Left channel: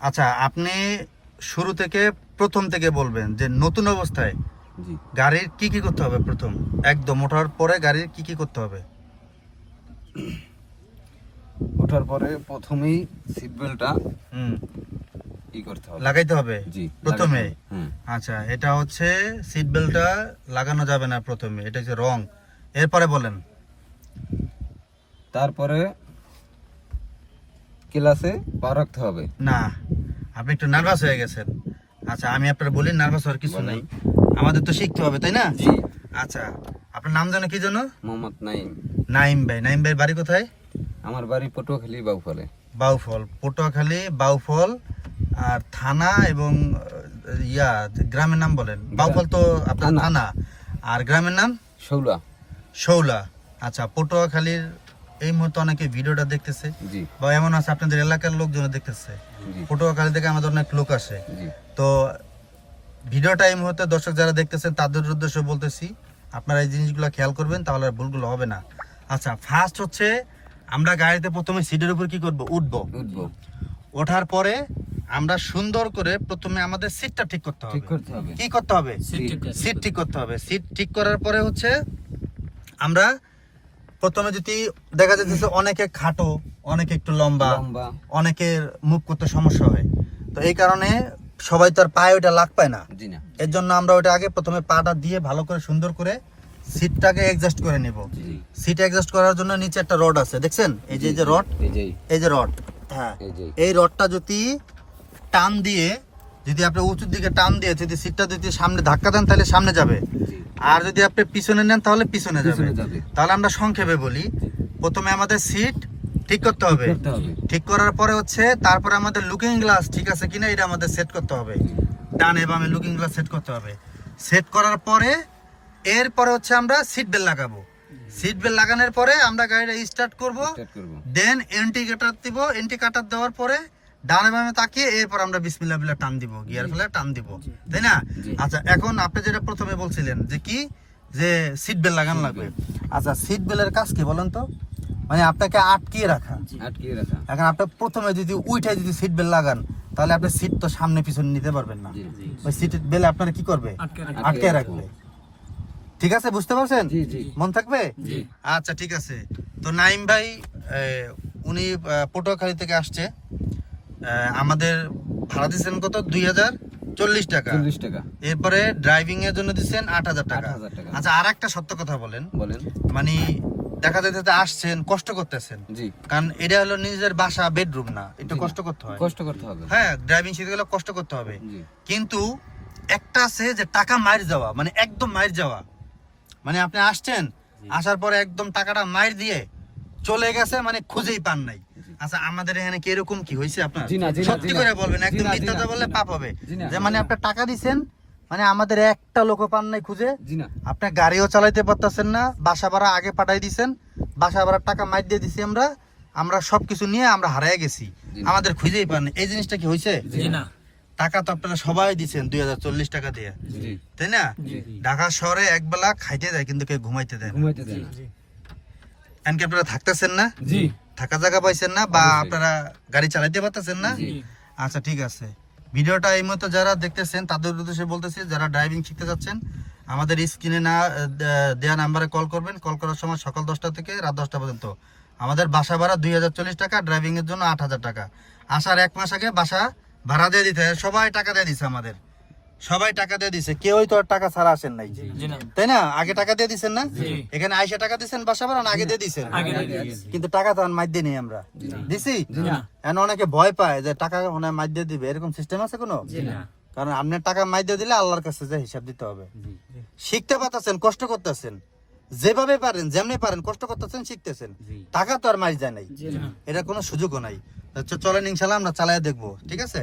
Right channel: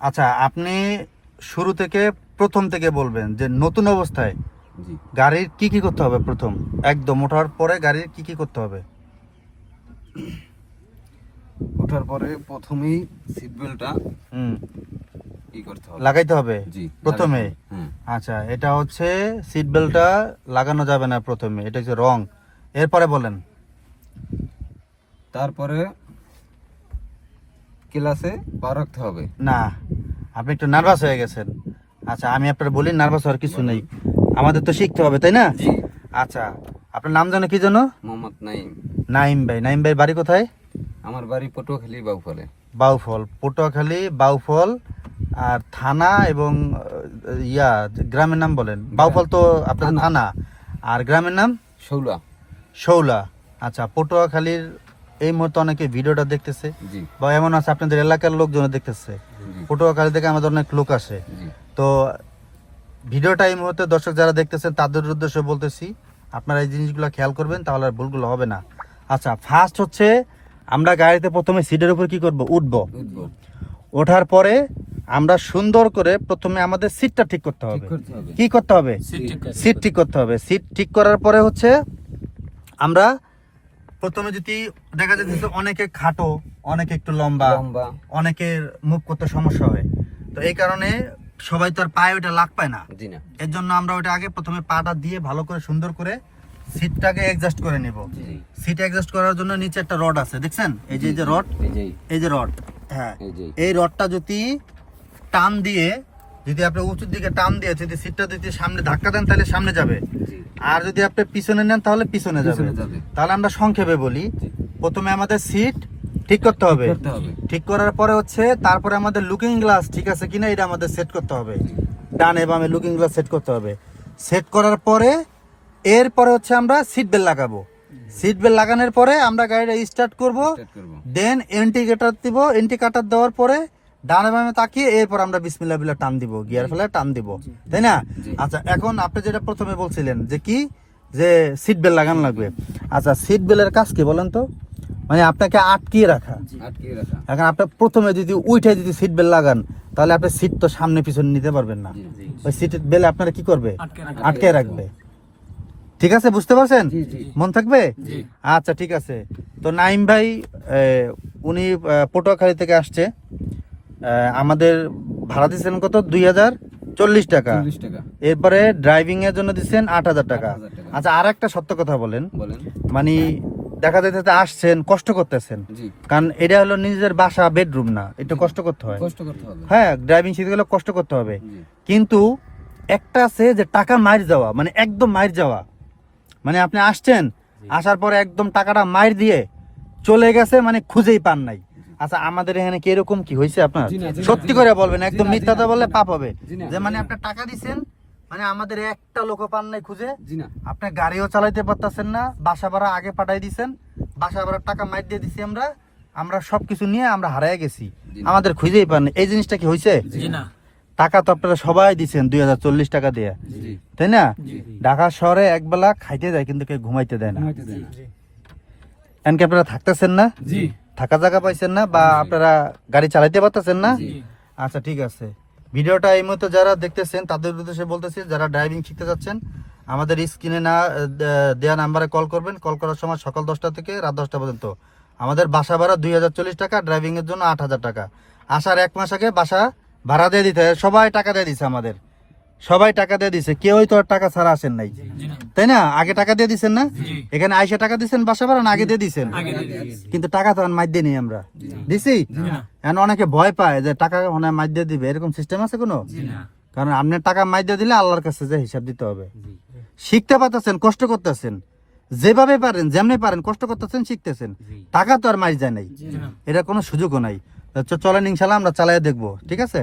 আচ্ছা আপনি শুরু থেকে প্রথম থেকে বলবেন যে নতুন অবস্থায় গাড়ির কি কি করতে হবে প্রথম? একদম ওঠার পরে গাড়ির কি কি করতে হবে? ওঠার পরে প্রথমেই সিট বেল্টটা হুম। ই করতে হবে। লাগাইতে হবে? জি প্রথমে? হুম। আচ্ছা এটা হচ্ছে সিট বেল্টটা লাগানো যাবে না প্রথমে এটা হচ্ছে রং। এরপরে বলেন। তারপরে ক্লাসে পা রাখতে হবে। না। আপনি একটু নার্ভাস হয়ে গেছেন। আচ্ছা আমি আপনার বলি নার্ভাস হওয়ার কিছু নেই। আমাদের তো শিখতে হবে তাই না? আচ্ছা আপনার নাম জানো কি জানো? মোহাম্মদ নাইম। নাইম ভাই। নাইম ভাই বাড়ি কোথায়? আমার বাড়ি পটুয়াখালী বাউফলে। বাউফল। পটুয়াখালী বাউফল আর থানা এবং ইয়া গ্রামের নাম বলেন। বাউফল তো আপনার থানা। আর গ্রামের নাম? শৌলা। শৌলা। আচ্ছা পটুয়াখালীর এই মুহূর্তে অনেকে ভিডিওটা দেখতেছে বা এমন আছে আপনাদের এলাকার লোকজন দেখতেছে। পটুয়াখালী থেকে আমাদের অনেক লোক আসে। তো ভিডিওটা এই মুহূর্তে দর্শক যারা দেখতেছেন তাদের উদ্দেশ্যে বলতেছি আপনারা এই জিনিসগুলো খেয়াল করবেন তাহলে আর ভুলগুলো হবে না। আচ্ছা ফার্স্ট হচ্ছে আমরা গাড়িতে প্রথমে সিটের উপর কি করব? উঠবো। উঠবো। ওঠার পরে আমরা সুন্দর করে প্রথমে আমাদের সিটটা ঠিক করতে হবে। ঠিক করতে হবে। কি করতে হবে? সিট ঠিক করতে হবে। সিট ঠিক করার পরে হচ্ছে আমরা প্রথমে যদি দেখা যাচ্ছে অনেকে খাটো অনেকে একটু লম্বা অনেকের মুভ করতে সমস্যা হয়। তো এই কারণে সবাই তো আর পায়ে ওটা লাগ পায় না। এর জন্য আমরা ওটা আগে প্রথমে পাটা দিয়ে ভালো করে সুন্দর করে সিটটাকে অ্যাডজাস্ট করে নিব। সিট অ্যাডজাস্ট করার জন্য নিচে একটা রড আছে দেখছেন? এই যে এই যে রড এই যে। রড হ্যাঁ। এই রডটা যদি টান দিয়ে যদি আপনি উঁচুর দিকে টান দিয়ে যদি সিটটা যদি সামনে ধাক্কা দেন তাহলে সামনে যাবে। আর যদি আপনি পিছনে নেন তাহলে পিছনে যাবে। তাহলে আমরা সংক্ষেপে বলি। প্রথমে আমাদের সিট ঠিক করতে হবে। ঠিক করার পরে হচ্ছে তারপরে আমাদের লুকিং গ্লাস ঠিক আছে কিনা এটা আমাদের সেট করতে হবে। ডানে বামে লুকিং গ্লাস সেট করতে হবে। সেট করার পরে এরপরে হচ্ছে আমরা সিট বেল্ট লাগাবো। সিট বেল্ট লাগানোর পরে আমরা গাড়িটা স্টার্ট করব। দেন ইন্ডিকেটর দিব। ইন্ডিকেটর দেওয়ার পরে ডানে বামে তাকিয়ে এরপর আমরা বিসমিল্লাহ বিল্লাহ টান দিব গিয়ার ফেলে টান দিব তাই না? আচ্ছা এখন আপনি যেটা প্রথমে বলছিলেন যে কি? যে সিট বেল্ট লাগানো লাগবে। আচ্ছা সিট বেল্টের কাজ কি বলেন তো? মানে আপনাকে আটকিয়ে রাখা। আটকে রাখা। এখন আপনার প্রথমে যদি উইঠে যদি সিট বেল্ট লাগান তাহলে আপনার সিট তো সামনে পিছনে নিতে পারবেন না। ওই সিট বেল্ট আপনারা কি করবে? আটকে রাখবে। ঠিক আছে বুঝতে পারছেন? জি জি। মন থাকবে? আচ্ছা ঠিক আছে। তো নাইম ভাই উনি পটুয়াখালী থেকে আসছে। আমাদের ভাড়া দিচ্ছেন কত? দুই হাজার চল্লিশ টাকা। চল্লিশ টাকা। এরপরে ড্রাইভিং এর জন্য দিচ্ছেন আট হাজার টাকা। আচ্ছা আর একটা সত্য কথা বলেন। বলেন। মানে দেখা যাচ্ছে আসছেন কষ্ট করতেছেন। জি। কারণ এটা হলো নিজের বাসা বেডরুম না। একটু কষ্ট করতে হয়। কষ্ট করতে হবে। হ্যাঁ ড্রাইভিং শিখতে গেলে কষ্ট করতে হবে। কিন্তু একটা আছে যে টাকা মার যাওয়া মানে একদম মার যাওয়া। মানে আপনি আসছেন আসার পরে একদম টাকাটা মার দিয়ে চলে গেছে মানে খুঁজেই পান নাই। আচ্ছা আমাদের এখানে কি এরকম কি হয়েছে আপনার? সত্যি করে বলবেন একদম মিথ্যাটা বললে পাপ হবে। যে মানে। আপনার টাকা দিছেন মানে আমাদের একটা লোক পান নাই খুঁজে। জি না। আপনি গাড়িও চালাইতে পারতেছেন না বাসা ভাড়া আগে পাঠাই দিছেন বাসা ভাড়ার টাকা মাইর দিয়ে দিছি আমরা আমরা সবকিছু নিয়ে আমরা হারাই গেছি। আমাদের খুঁজেই পান এই জিনিসটা কি হয়েছে? টাকা তো আপনারা সবাই দিচ্ছেন দুই হাজার চল্লিশ টাকা দিয়ে। তাই না? ঢাকা শহরে একবেলা খাইতে যায় কিন্তু কেউ ঘুমাইতে দেয় না। এমনকি আপনারা থাকতেছেন না? জি। থাকা জায়গা পাইছেন না বা আপনারা গাড়ি চালাইতে পারতেছেন না? আচ্ছা ঠিক আছে। ভিডিওটা এই মতো যারা দেখতেছেন তাদের উদ্দেশ্যে বলতেছি যারা ড্রাইভিং শিখতে যাচ্ছেন আমাদের স্ক্রিনে না দেওয়া নাম্বারে কল করবেন। কল করার সময় সকাল দশটা থেকে রাত দশটা পর্যন্ত। আমাদের বাসা ভাড়া দুই হাজার চল্লিশ টাকা ড্রাইভিং এর জন্য আট হাজার টাকা। আসার এক মাস আগে বাসা ভাড়া দিয়ে দিতে হয়। সবাই টাকা দিয়ে দিছে আমাদের। সবাই টাকা দিয়ে দিছে। কেউই তো টাকা ছাড়া আসেন নাই। তাই না? আগে টাকা দিয়ে দিছেন না? এখানে আইসা টাকা দিছেন বাসা ভাড়া আগে দিয়ে দিছেন। কিন্তু টাকা তো মাইর দিয়ে নেই আমরা দিছি? এখন অনেকে ভয় পায় যে টাকা মানে মাইর দিয়ে দিবে। এরকম সিস্টেম আছে কোনো? কারণ আপনার টাকা মাইর দিয়ে দিলে আল্লাহর কাছে যে হিসাব দিতে হবে। শিখতে পারতেছেন কষ্ট করতেছেন। যেভাবে পারেন যেমনি পারেন কষ্ট করতেছেন শিখতেছেন। টাকা তো আর মাইর যায় নাই। এটা কোনো সুযোগও নাই। চলেন ইনশাল্লাহ আমরা চালাই দেখব। ঠিক আছে?